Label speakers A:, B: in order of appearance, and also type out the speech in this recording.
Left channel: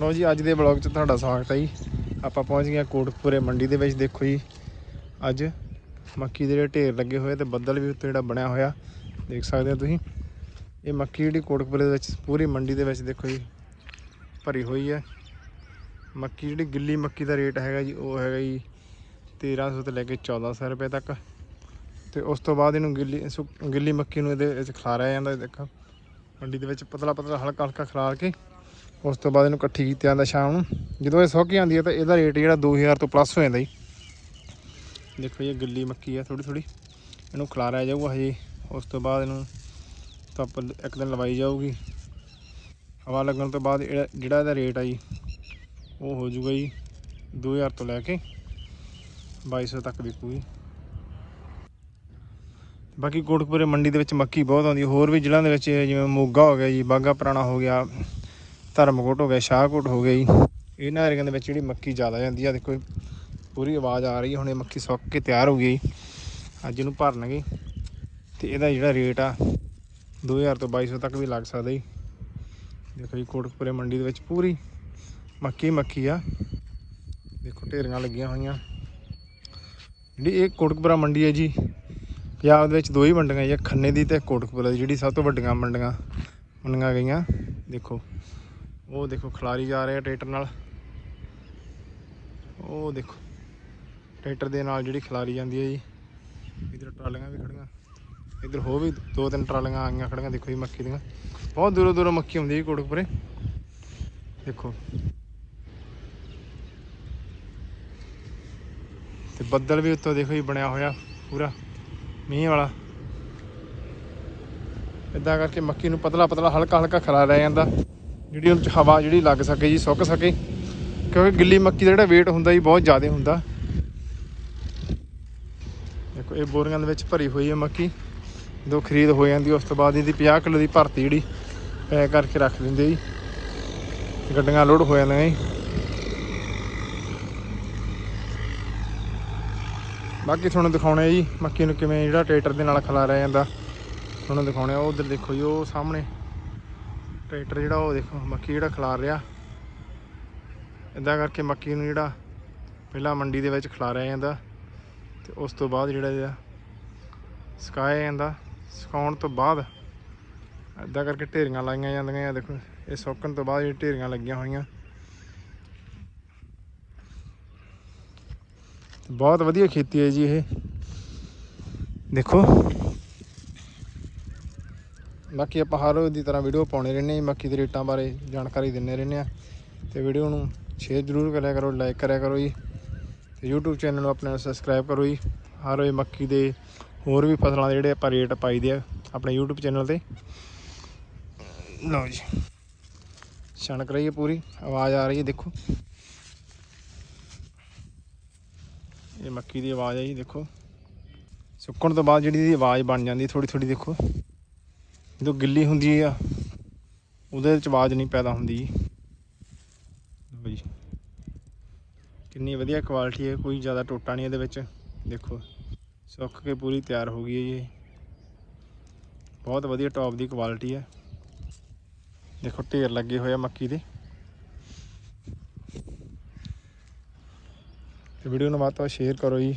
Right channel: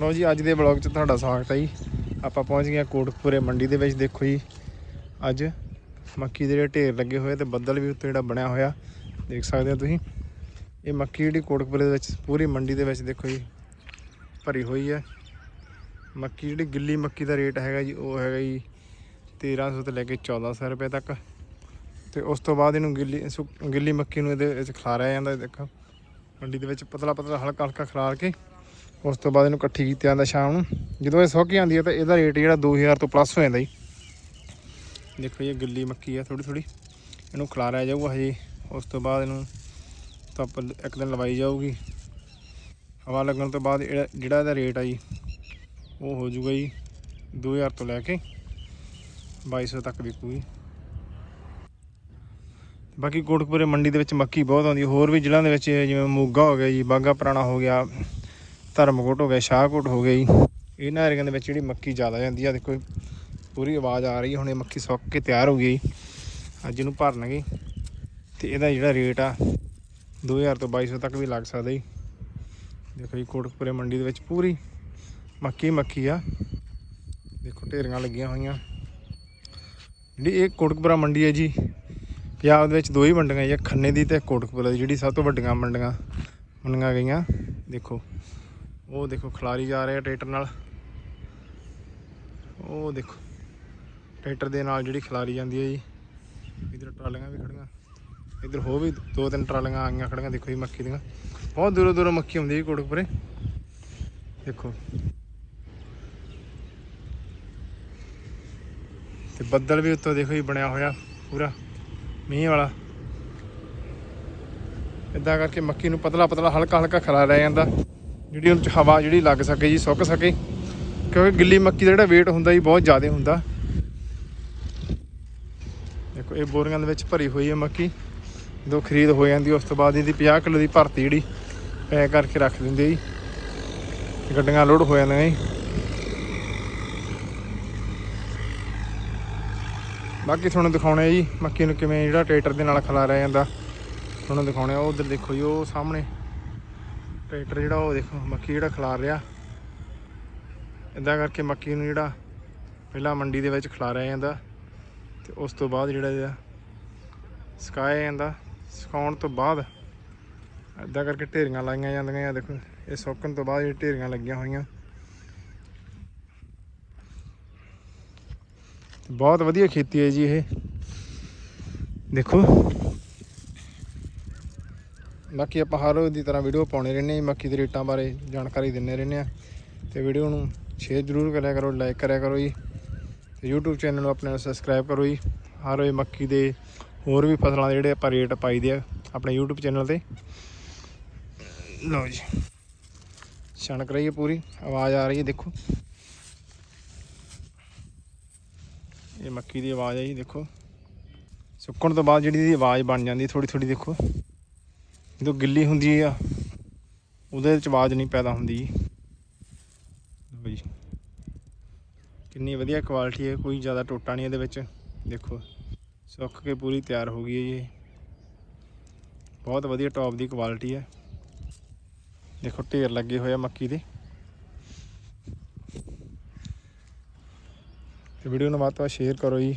A: ਲੋ ਜੀ, ਅੱਜ ਦੇ ਬਲੌਗ 'ਚ ਤੁਹਾਡਾ ਸਵਾਗਤ ਹੈ ਜੀ। ਆਪਾਂ ਪਹੁੰਚ ਗਏ ਹਾਂ ਕੋਟਕਪੂਰੇ ਮੰਡੀ ਦੇ ਵਿੱਚ, ਦੇਖੋ ਜੀ। ਅੱਜ ਮੱਕੀ ਦੇ ਜਿਹੜੇ ਢੇਰ ਲੱਗੇ ਹੋਏ ਤੇ ਬੱਦਲ ਵੀ ਉੱਤੇ ਜਿਹੜਾ ਬਣਿਆ ਹੋਇਆ। ਦੇਖ ਸਕਦੇ ਹੋ ਤੁਸੀਂ। ਇਹ ਮੱਕੀ ਜਿਹੜੀ ਕੋਟਕਪੂਰੇ ਦੇ ਵਿੱਚ, ਪੂਰੀ ਮੰਡੀ ਦੇ ਵਿੱਚ ਦੇਖੋ ਜੀ, ਭਰੀ ਹੋਈ ਹੈ। ਮੱਕੀ ਜਿਹੜੀ ਗਿੱਲੀ ਮੱਕੀ ਦਾ ਰੇਟ ਹੈਗਾ ਜੀ, ਉਹ ਹੈਗਾ ਜੀ 1300 ਤੋਂ ਲੈ ਕੇ 1400 ਰੁਪਏ ਤੱਕ। ਤੇ ਉਸ ਤੋਂ ਬਾਅਦ ਇਹਨੂੰ ਗਿੱਲੀ ਗਿੱਲੀ ਮੱਕੀ ਨੂੰ ਇਹਦੇ ਵਿੱਚ ਖਿਲਾਰਿਆ ਜਾਂਦਾ ਦੇਖੋ। ਮੰਡੀ ਦੇ ਵਿੱਚ ਪਤਲਾ ਪਤਲਾ ਹਲਕਾ ਹਲਕਾ ਖਿਲਾਰ ਕੇ ਉਸ ਤੋਂ ਬਾਅਦ ਇਹਨੂੰ ਇਕੱਠੀ ਕੀਤਾ ਜਾਂਦਾ ਸ਼ਾਮ ਨੂੰ। ਜਦੋਂ ਇਹ ਸੁੱਕ ਜਾਂਦੀ ਹੈ ਤਾਂ ਇਹਦਾ ਰੇਟ ਜਿਹੜਾ 2000 ਤੋਂ ਪਲੱਸ ਹੋ ਜਾਂਦਾ ਜੀ। ਦੇਖੋ ਇਹ ਗਿੱਲੀ ਮੱਕੀ ਆ ਥੋੜੀ ਥੋੜੀ ਇਹਨੂੰ ਖਿਲਾਰਿਆ ਜਾਊਗਾ ਹਜੇ। ਉਸ ਤੋਂ ਬਾਅਦ ਇਹਨੂੰ ਧੁੱਪ ਇੱਕ ਦਿਨ ਲਵਾਈ ਜਾਊਗੀ। ਹਵਾ ਲੱਗਣ ਤੋਂ ਬਾਅਦ ਇਹਦਾ- ਜਿਹੜਾ ਇਹਦਾ ਰੇਟ ਆ ਜੀ, ਉਹ ਹੋ ਜਾਊਗਾ ਜੀ 2000 ਤੋਂ ਲੈ ਕੇ 2200 ਤੱਕ ਵਿਕੂਗੀ ਬਾਕੀ ਕੋਟਕਪੁਰੇ ਮੰਡੀ ਦੇ ਵਿੱਚ ਮੱਕੀ ਬਹੁਤ ਆਉਂਦੀ ਹੋਰ ਵੀ ਜ਼ਿਲ੍ਹਿਆਂ ਦੇ ਵਿੱਚ ਜਿਵੇਂ ਮੋਗਾ ਹੋ ਗਿਆ ਜੀ ਬਾਗਾ ਪੁਰਾਣਾ ਹੋ ਗਿਆ। ਧਰਮਕੋਟ ਹੋ ਗਿਆ ਸ਼ਾਹਕੋਟ ਹੋ ਗਿਆ ਜੀ। ਇਹਨਾਂ ਏਰੀਆਂ ਦੇ ਵਿੱਚ ਜਿਹੜੀ ਮੱਕੀ ਜ਼ਿਆਦਾ ਜਾਂਦੀ ਆ, ਦੇਖੋ ਪੂਰੀ ਆਵਾਜ਼ ਆ ਰਹੀ ਹੈ ਹੁਣ ਇਹ ਮੱਕੀ ਸੁੱਕ ਕੇ ਤਿਆਰ ਹੋ ਗਈ ਅੱਜ ਇਹਨੂੰ ਭਰਨਗੇ। ਤੇ ਇਹਦਾ ਜਿਹੜਾ ਰੇਟ ਆ 2000 ਤੋਂ 2200 ਤੱਕ ਵੀ ਲੱਗ ਸਕਦਾ ਜੀ। ਦੇਖੋ ਜੀ, ਕੋਟਕਪੁਰੇ ਮੰਡੀ ਦੇ ਵਿੱਚ ਪੂਰੀ ਮੱਕੀ ਮੱਕੀ ਆ। ਦੇਖੋ, ਢੇਰੀਆਂ ਲੱਗੀਆਂ ਹੋਈਆਂ। ਜਿਹੜੀ ਇਹ ਕੋਟਕਪੁਰਾ ਮੰਡੀ ਹੈ ਜੀ, ਪੰਜਾਬ ਦੇ ਵਿੱਚ ਦੋ ਹੀ ਮੰਡੀਆਂ ਜੀ ਖੰਨੇ ਦੀ ਤੇ ਕੋਟਕਪੁਰਾ ਦੀ, ਜਿਹੜੀ ਸਭ ਤੋਂ ਵੱਡੀਆਂ ਮੰਡੀਆਂ ਮੰਡੀਆਂ ਗਈਆਂ। ਦੇਖੋ ਉਹ ਦੇਖੋ ਖਿਲਾਰੀ ਜਾ ਰਿਹਾ ਟਰੈਕਟਰ ਨਾਲ। ਉਹ ਦੇਖੋ, ਟਰੈਕਟਰ ਦੇ ਨਾਲ ਜਿਹੜੀ ਖਿਲਾਰੀ ਜਾਂਦੀ ਹੈ ਜੀ। ਇਧਰ ਟਰਾਲੀਆਂ ਵੀ ਖੜੀਆਂ। ਇਧਰ ਹੋ ਵੀ ਦੋ ਤਿੰਨ ਟਰਾਲੀਆਂ ਆਈਆਂ ਖੜੀਆਂ, ਦੇਖੋ ਜੀ ਮੱਕੀ ਦੀਆਂ। ਬਹੁਤ ਦੂਰੋਂ ਦੂਰੋਂ ਮੱਕੀ ਹੁੰਦੀ ਹੈ ਕੋਟਕਪੁਰੇ। ਦੇਖੋ। ਤੇ ਬੱਦਲ ਵੀ ਉੱਤੋਂ ਦੇਖੋ ਜੀ ਬਣਿਆ ਹੋਇਆ ਪੂਰਾ, ਮੀਂਹ ਵਾਲਾ। ਇਦਾਂ ਕਰਕੇ ਮੱਕੀ ਨੂੰ ਪਤਲਾ ਪਤਲਾ ਹਲਕਾ ਹਲਕਾ ਖਿਲਾ ਲਿਆ ਜਾਂਦਾ। ਜਿਹੜੀ ਉਹਨੂੰ ਹਵਾ ਜਿਹੜੀ ਲੱਗ ਸਕੇ ਜੀ, ਸੁੱਕ ਸਕੇ। ਕਿਉਂਕਿ ਗਿੱਲੀ ਮੱਕੀ ਦਾ ਜਿਹੜਾ weight ਹੁੰਦਾ ਜੀ, ਬਹੁਤ ਜ਼ਿਆਦਾ ਹੁੰਦਾ। ਦੇਖੋ, ਇਹ ਬੋਰੀਆਂ ਦੇ ਵਿੱਚ ਭਰੀ ਹੋਈ ਹੈ ਮੱਕੀ। ਦੋ ਖਰੀਦ ਹੋ ਜਾਂਦੀ, ਉਸ ਤੋਂ ਬਾਅਦ ਇਹਦੀ 50 ਕਿਲੋ ਦੀ ਭਰਤੀ ਜਿਹੜੀ, ਪੈਕ ਕਰਕੇ ਰੱਖ ਦਿੰਦੇ ਜੀ। ਗੱਡੀਆਂ ਲੋਡ ਹੋ ਜਾਂਦੀਆਂ ਜੀ। ਬਾਕੀ ਤੁਹਾਨੂੰ ਦਿਖਾਉਣੇ ਆ ਜੀ, ਮੱਕੀ ਨੂੰ ਕਿਵੇਂ ਜਿਹੜਾ ਟਰੈਕਟਰ ਦੇ ਨਾਲ ਖਿਲਾਰਿਆ ਜਾਂਦਾ। ਤੁਹਾਨੂੰ ਦਿਖਾਉਣੇ ਆ, ਉਹ ਉਧਰ ਦੇਖੋ ਜੀ, ਉਹ ਸਾਹਮਣੇ। ਟਰੈਕਟਰ ਜਿਹੜਾ ਉਹ ਦੇਖੋ, ਮੱਕੀ ਜਿਹੜਾ ਖਿਲਾਰ ਰਿਹਾ। ਇਦਾਂ ਕਰਕੇ ਮੱਕੀ ਨੂੰ ਜਿਹੜਾ ਪਹਿਲਾਂ ਮੰਡੀ ਦੇ ਵਿੱਚ ਖਿਲਾਰਿਆ ਜਾਂਦਾ ਤੇ ਉਸ ਤੋਂ ਬਾਅਦ ਜਿਹੜਾ ਇਹਦਾ ਸੁਕਾਇਆ ਜਾਂਦਾ। ਸੁਕਾਉਣ ਤੋਂ ਬਾਅਦ ਇਦਾਂ ਕਰਕੇ ਢੇਰੀਆਂ ਲਾਈਆਂ ਜਾਂਦੀਆਂ ਆ, ਦੇਖੋ, ਇਹ ਸੁੱਕਣ ਤੋਂ ਬਾਅਦ ਇਹ ਢੇਰੀਆਂ ਲੱਗੀਆਂ ਹੋਈਆਂ। ਬਹੁਤ ਵਧੀਆ ਖੇਤੀ ਹੈ ਜੀ ਇਹ। ਦੇਖੋ ਬਾਕੀ ਆਪਾਂ ਹਰ ਰੋਜ਼ ਦੀ ਤਰ੍ਹਾਂ ਵੀਡੀਓ ਪਾਉਣੇ ਰਹਿੰਦੇ ਹਾਂ ਮੱਕੀ ਦੇ ਰੇਟਾਂ ਬਾਰੇ ਜਾਣਕਾਰੀ ਦਿੰਦੇ ਰਹਿੰਦੇ ਹਾਂ। ਤੇ ਵੀਡੀਓ ਨੂੰ ਸ਼ੇਅਰ ਜ਼ਰੂਰ ਕਰਿਆ ਕਰੋ ਲਾਈਕ ਕਰਿਆ ਕਰੋ ਜੀ। ਤੇ YouTube ਚੈਨਲ ਨੂੰ ਆਪਣੇ ਸਬਸਕ੍ਰਾਈਬ ਕਰੋ ਜੀ। ਹਰ ਰੋਜ਼ ਮੱਕੀ ਦੇ ਹੋਰ ਵੀ ਫਸਲਾਂ ਦੇ ਜਿਹੜੇ ਆਪਾਂ ਰੇਟ ਪਾਈਦੇ ਆ, ਆਪਣੇ YouTube ਚੈਨਲ ਤੇ। ਲਓ ਜੀ। ਛਣਕ ਰਹੀ ਹੈ ਪੂਰੀ, ਆਵਾਜ਼ ਆ ਰਹੀ ਹੈ, ਦੇਖੋ। ਇਹ ਮੱਕੀ ਦੀ ਆਵਾਜ਼ ਹੈ ਜੀ, ਦੇਖੋ। ਸੁੱਕਣ ਤੋਂ ਬਾਅਦ ਜਿਹੜੀ ਇਹਦੀ ਆਵਾਜ਼ ਬਣ ਜਾਂਦੀ ਥੋੜੀ ਥੋੜੀ ਦੇਖੋ। ਜਦੋਂ ਗਿੱਲੀ ਹੁੰਦੀ ਆ, ਉਹਦੇ ਵਿੱਚ ਆਵਾਜ਼ ਨਹੀਂ ਪੈਦਾ ਹੁੰਦੀ। ਜੀ ਲਓ ਕਿੰਨੀ ਵਧੀਆ ਕੁਆਲਿਟੀ ਹੈ ਕੋਈ ਜ਼ਿਆਦਾ ਟੋਟਾ ਨਹੀਂ ਇਹਦੇ ਵਿੱਚ। ਦੇਖੋ, ਸੁੱਕ ਕੇ ਪੂਰੀ ਤਿਆਰ ਹੋ ਗਈ ਹੈ ਜੀ। ਬਹੁਤ ਵਧੀਆ ਟੌਪ ਦੀ ਕੁਆਲਿਟੀ ਹੈ ਦੇਖੋ, ਢੇਰ ਲੱਗੇ ਹੋਏ ਆ ਮੱਕੀ ਦੇ। ਤੇ ਵੀਡੀਓ ਨੂੰ ਵੱਧ ਤੋਂ ਵੱਧ ਸ਼ੇਅਰ ਕਰੋ ਜੀ।